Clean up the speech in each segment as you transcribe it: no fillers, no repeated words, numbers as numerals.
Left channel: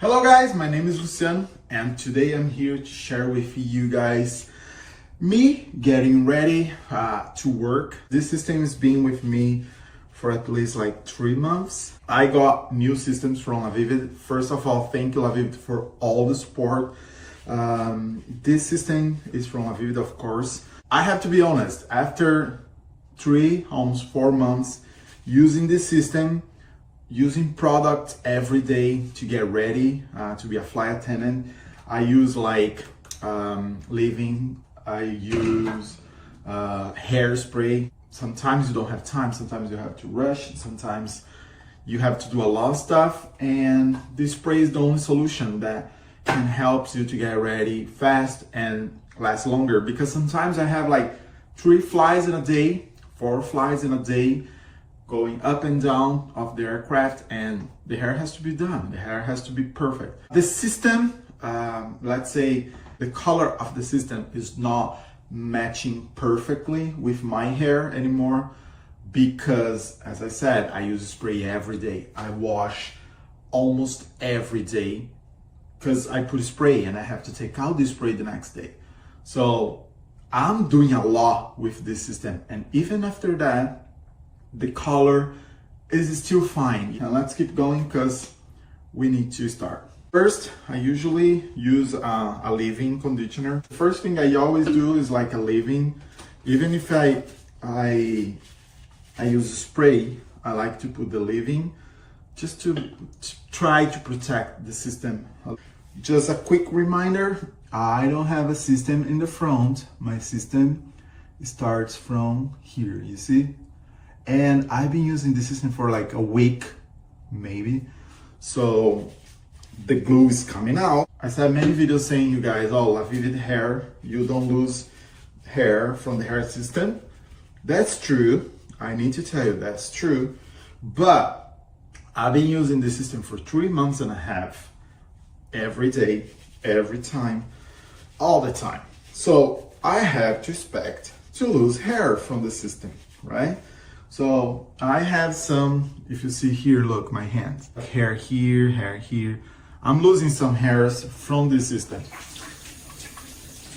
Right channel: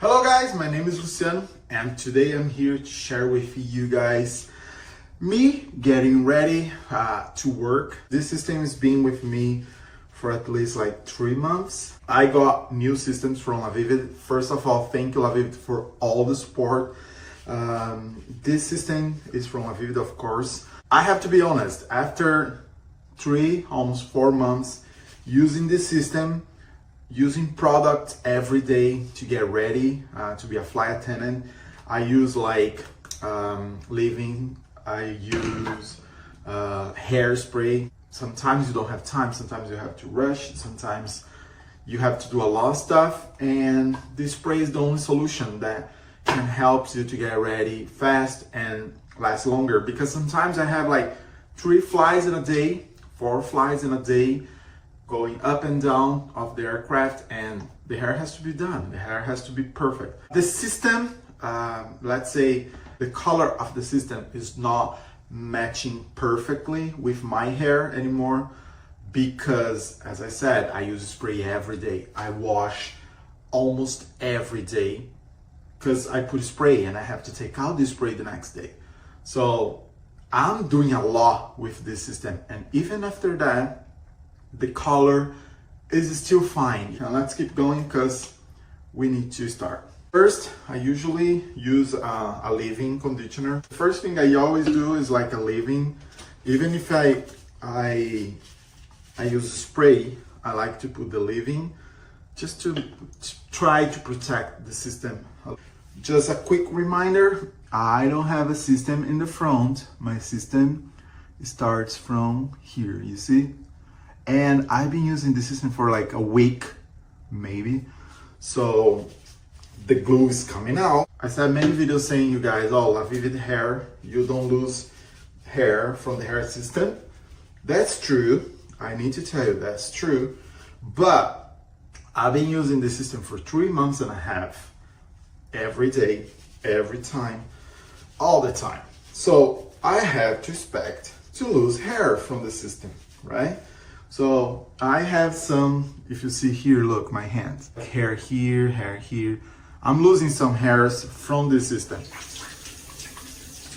Hello guys, my name is Luciano and today I'm here to share with you guys me getting ready to work. This system has been with me for at least like 3 months. I got new systems from LaVivid. First of all, thank you LaVivid for all the support. This system is from LaVivid, of course. I have to be honest, after 3, almost 4 months using this system, using products every day to get ready to be a flight attendant. I use like LaVivid, I use hairspray. Sometimes you don't have time, sometimes you have to rush, sometimes you have to do a lot of stuff, and this spray is the only solution that can help you to get ready fast and last longer. Because sometimes I have like 3 flights in a day, 4 flights in a day, going up and down of the aircraft, and the hair has to be done. The hair has to be perfect. The system, let's say the color of the system is not matching perfectly with my hair anymore because, as I said, I use spray every day. I wash almost every day because I put spray and I have to take out the spray the next day. So I'm doing a lot with this system, and even after that, the color is still fine. Now let's keep going because we need to start. First, I usually use a leave-in conditioner. The first thing I always do is like a leave-in. Even if I use spray, I like to put the leave-in just to try to protect the system. Just a quick reminder, I don't have a system in the front. My system starts from here, you see? And I've been using the system for like a week, maybe. So the glue is coming out. I said many videos saying you guys, oh, LaVivid hair, you don't lose hair from the hair system. That's true. I need to tell you that's true. But I've been using the system for 3 months and a half, every day, every time, all the time. So I have to expect to lose hair from the system, right? So I have some, if you see here, look, my hand, hair here, hair here. I'm losing some hairs from this system.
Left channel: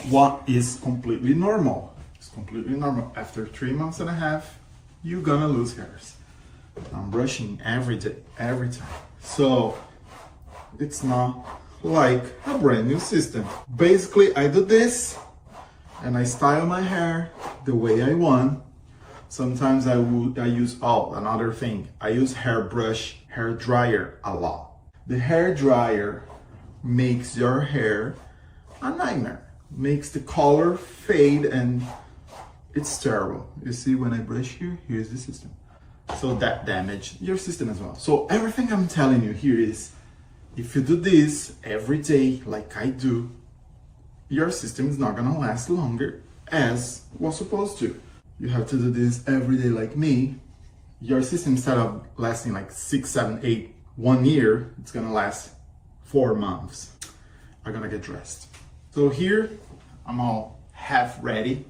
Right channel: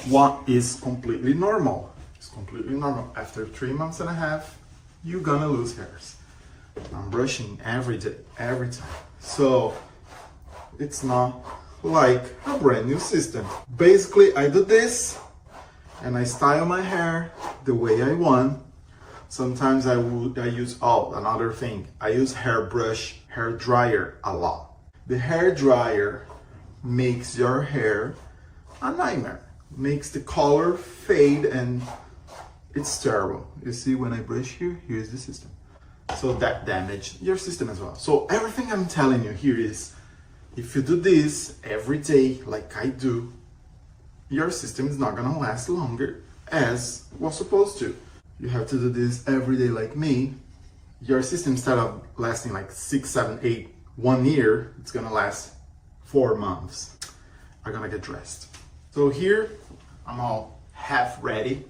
What is completely normal? It's completely normal. After 3 months and a half, you're gonna lose hairs. I'm brushing every day, every time. So it's not like a brand new system. Basically, I do this and I style my hair the way I want. Sometimes I use, another thing, I use hairbrush, hair dryer a lot. The hair dryer makes your hair a nightmare, makes the color fade, and it's terrible. You see when I brush here, here's the system. So that damaged your system as well. So everything I'm telling you here is, if you do this every day like I do, your system is not gonna last longer as was supposed to. You have to do this every day like me. Your system, instead of lasting like 6, 7, 8, 1 year, it's gonna last 4 months. I'm gonna get dressed. So here, I'm all half ready.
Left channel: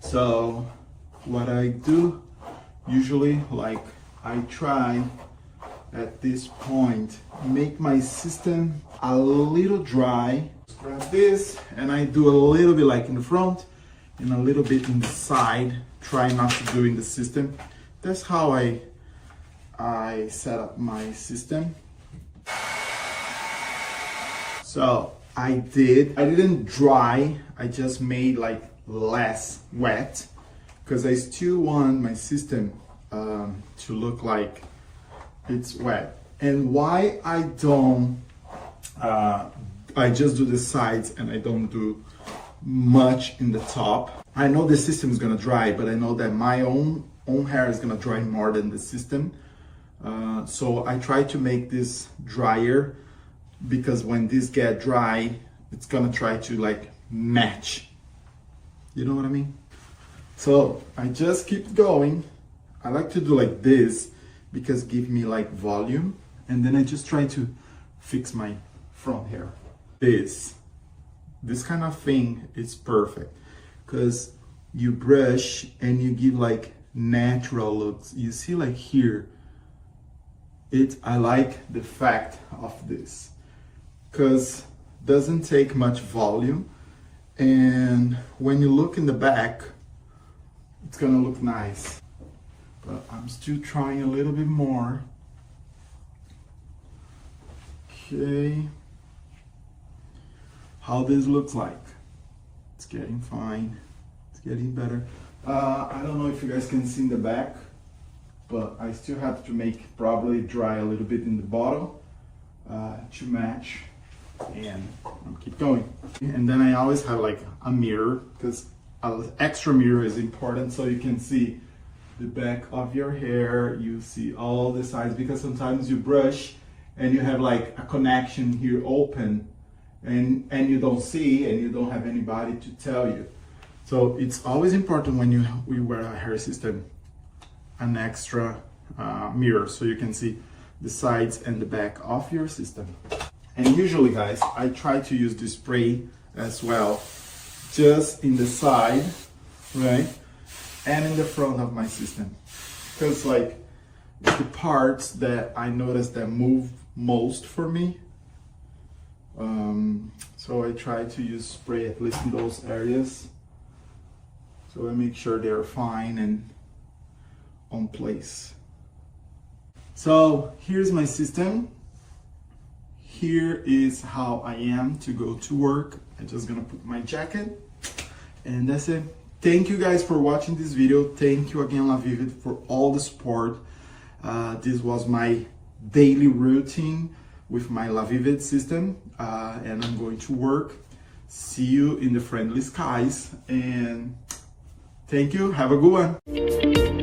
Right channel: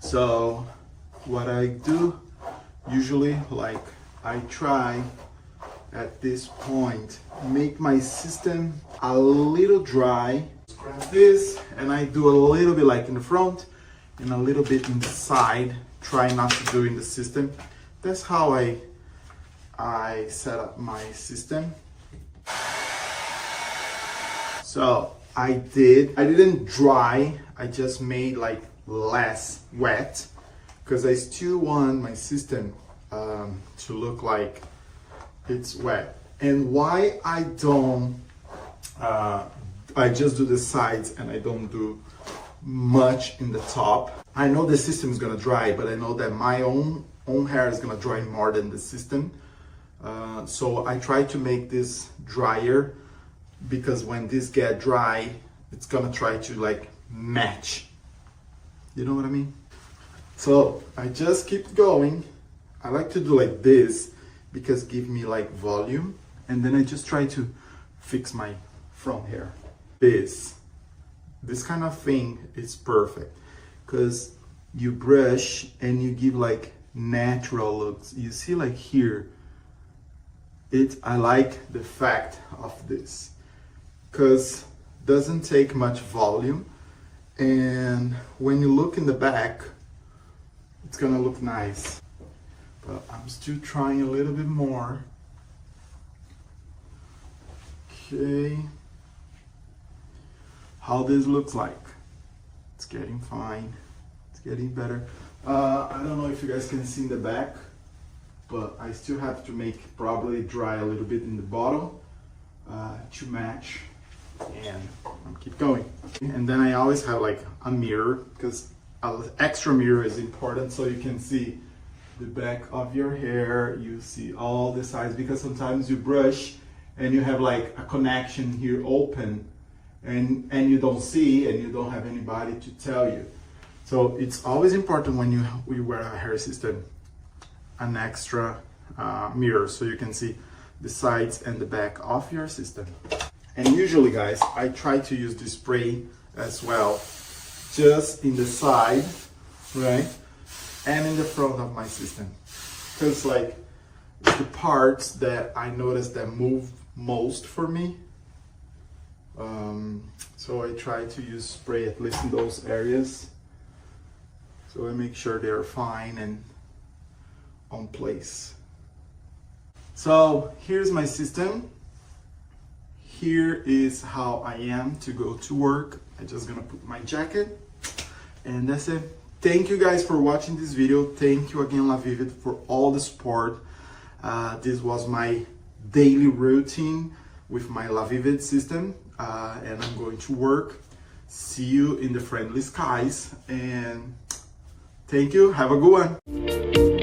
So what I do, usually, like I try at this point, make my system a little dry. Grab this, and I do a little bit like in the front, and a little bit in the side, try not to do in the system. That's how I set up my system. So I didn't dry, I just made like less wet because I still want my system to look like it's wet. And why I don't, I just do the sides and I don't do much in the top. I know the system is gonna dry, but I know that my own hair is gonna dry more than the system. So I try to make this drier because when this get dry, it's gonna try to like match. You know what I mean? So I just keep going. I like to do like this because give me like volume, and then I just try to fix my front hair. This kind of thing is perfect because you brush and you give like natural looks. You see like here, I like the fact of this. because it doesn't take much volume, and when you look in the back, it's gonna look nice. But I'm still trying a little bit more. Okay, how this looks like. It's getting fine. It's getting better. I don't know if you guys can see in the back, but I still have to make probably dry a little bit in the bottom to match, and keep going. And then I always have like a mirror, because an extra mirror is important so you can see the back of your hair, you see all the sides, because sometimes you brush and you have like a connection here open and you don't see, and you don't have anybody to tell you. So it's always important when we wear a hair system, an extra mirror, so you can see the sides and the back of your system. And usually, guys, I try to use the spray as well, just in the side, right, and in the front of my system, because like the parts that I notice that move most for me, so I try to use spray at least in those areas, so I make sure they're fine and on place. So here's my system. Here is how I am to go to work. I'm just gonna put my jacket, and that's it. Thank you guys for watching this video. Thank you again, LaVivid, for all the support. This was my daily routine with my LaVivid system, and I'm going to work. See you in the friendly skies, and thank you. Have a good one.